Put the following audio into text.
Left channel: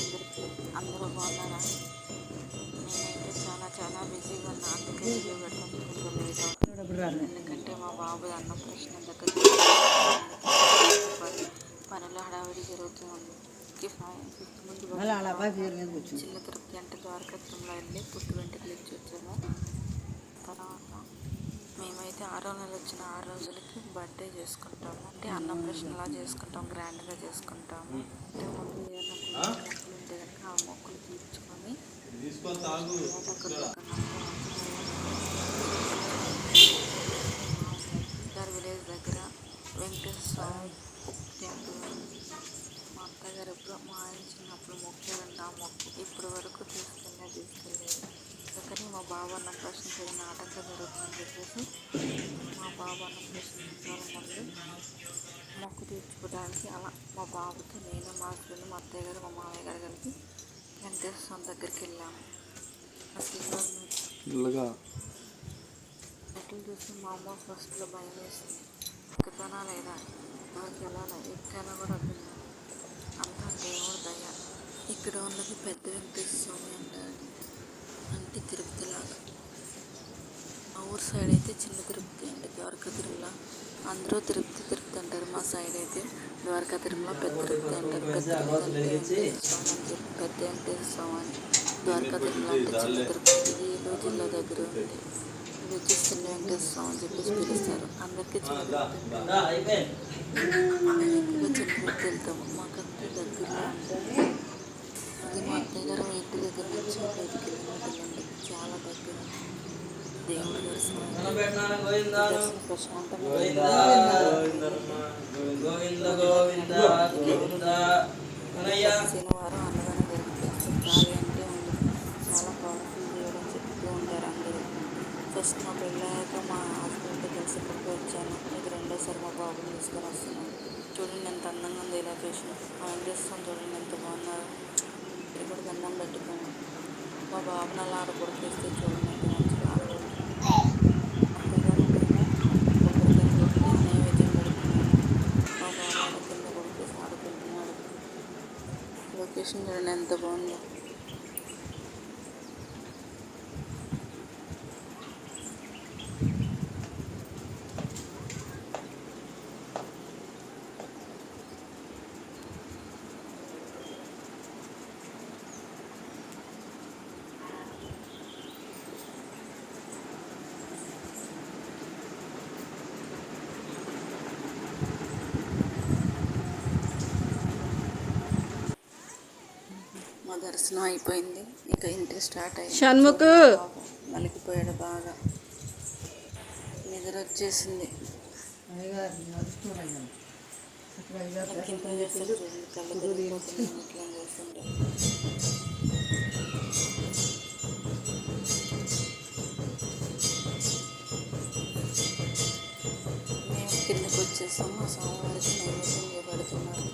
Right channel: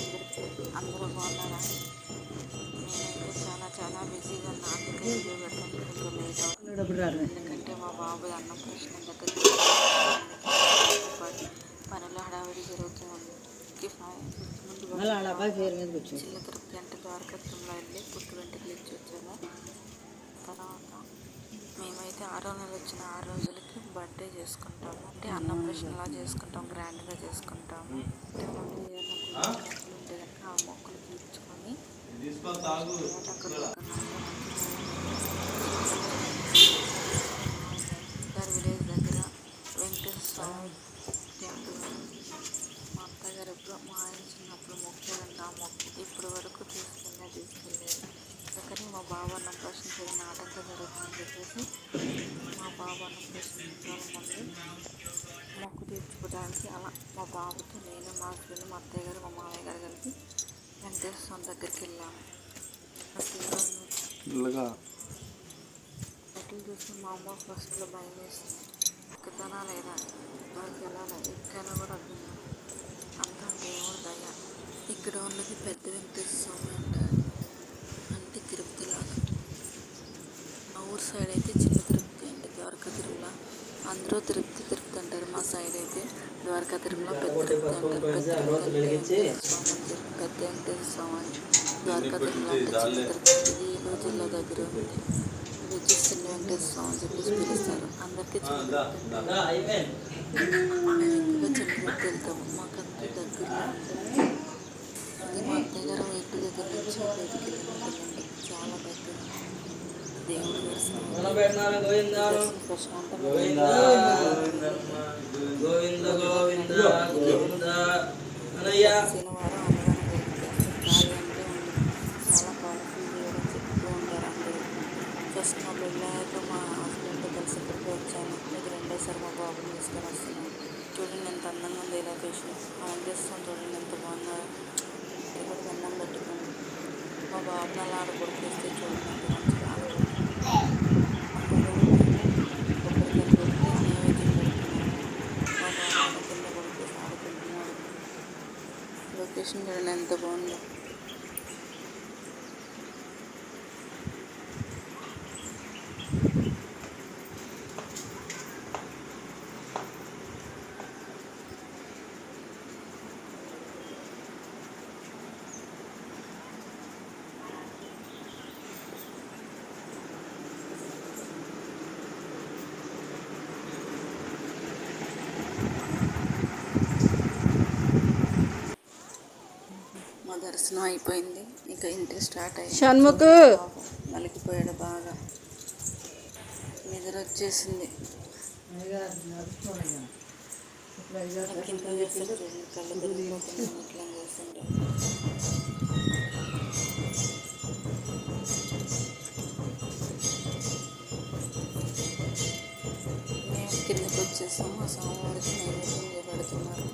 అందరికీ అందరూ బాగున్నారా? నేనైతే చాలా చాలా బిజీగా ఉన్నా. అందుకే వీడియో పెడతాను. కొంచెం లేట్ అవుతుంది. ఎందుకంటే మా బాబు అన్నం ప్రశ్న దగ్గరికి పని పనుల హడావిడి జరుగుతూ ఉంది. ఫిఫ్త్ ముందు చిన్న తిరుపతి అంటే ద్వారకత్వంలో వెళ్ళి పుట్టు వెంటలు ఇచ్చి వచ్చాము. అయితే ఆరో నెల వచ్చిన ఆరు రోజులకి బర్త్డే చేసుకుంటాము. అంటే అన్నం చేసుకుంటాం గ్రాండ్గా చేసుకుంటాము. అంటే ముందు ఏదైనా మొక్కలు ఉంటే కనుక ఆ మొక్కలు తీర్చుకొని గారి విలేజ్ దగ్గర వెంకటేశ్వర స్వామి టెంపుల్ మా అత్తగారు ఎప్పుడు మా ఆయన చిన్నప్పుడు మొక్కారంట ఆ మొక్క ఇప్పటి వరకు తీసుకెళ్ళే తీసుకెళ్ళేది అందుకని మా బాబు అన్న ప్రశ్న ఏదైనా ఆటంకం జరుగుతుందని చెప్పేసి మా బాబు అన్న ప్రశ్న ముందు మొక్కు తీర్చుకోవడానికి అలా మా బాబుతో నేను మా హస్బెండ్ మా అత్తయ్య గారు మా మామయ్య గారు కలిపి వెంకటేశ్వర స్వామి దగ్గరికి వెళ్ళాము. అసలు మెట్లు చూసి మా అమ్మ ఫస్ట్లో భయం వేసింది. ఎక్కుతానా లేదా? నాకు ఎలా ఎక్కానో కూడా అర్థం. అంతా దేవుడు దయ. ఇక్కడ ఉన్నది పెద్ద వెంకటేశ్వర స్వామి అంటారు. అంటే ఊరు సైడ్ అయితే చిన్న తిరుపతి అండి ద్వారకా తిరుమల. అందరూ తిరుపతి తిరుపతి అంటారు. మా సైడ్ అయితే ద్వారకా తిరుమల పెద్ద తిరుపతి అంటారు. పెద్ద తిరుపతి అంటే స్వామి పెద్ద వెంకటేశ్వర స్వామి అని ద్వారకా తిరుమల అంటే చిన్న తిరుపతి. ఇది ఏలూరు జిల్లా దగ్గర ఉంది ఇది వచ్చేసి చిన్న వెంకటేశ్వర స్వామి అని చెప్పేసి పిలుస్తారు. అందరికీ చిన్న తిరుపతి అంటే మేము ఎక్కువగా చిన్న తిరుపతి వెళ్తాము. మాకంటే దగ్గరలో ఉంటుంది ఇది మా అత్తయ్య గారు ఇంటి దగ్గర నుంచి ఒక ఐదు కిలోమీటర్లు చాలా దగ్గర. దేవుడి దర్శనం అయితే ప్రశాంతంగా శనివారం అన్నదానం జరుగుతుంది అసలు ఖాళీ అంటే ఉండదు చాలా పవర్ఫుల్ దేవుడు అని చెప్తూ ఉంటారు అందరూ ఫస్ట్ మా పెళ్ళాక మా హస్బెండ్తో కలిసి ఇక్కడికి వచ్చాను ఇది రెండోసారి మా బాబుని తీసుకొని వస్తున్నాను చూడండి ఎంత అందంగా ఉంది ఈ లొకేషన్ ఆ వెంకటేశ్వరం చూడండి ఎంత బాగున్నారు ఇక్కడ కూడా దండం పెట్టుకోండి మా బాబుని అలా ఆడకొడికేస్తే చూడండి ఎంత మంచిగా ఆడకొడుతుంది అత్తగారు నేను కొబ్బరికాయలు కొట్టి నైవేద్యం పెడుతున్నాను మా బాబు ఆడ కింద కొడికేసి ఆడుకుంటున్నాడు లొకేషన్ చూడండి ఎంత బాగుందో. దర్శనం అయిపోయింది. ఇక ఇంటికి స్టార్ట్ అయ్యింది. షణ్ముఖ్. మలికిపోయాడు బాగా. నిద్ర వచ్చేసింది కింద చేస్తే చూడండి కళ్ళు తిరిగిపోతున్నాయి. ఇట్లా చేస్తుంటే. మేము కిందకి వచ్చేసాము. మా స్వామివారికి నైవేద్యం పెడుతున్నారు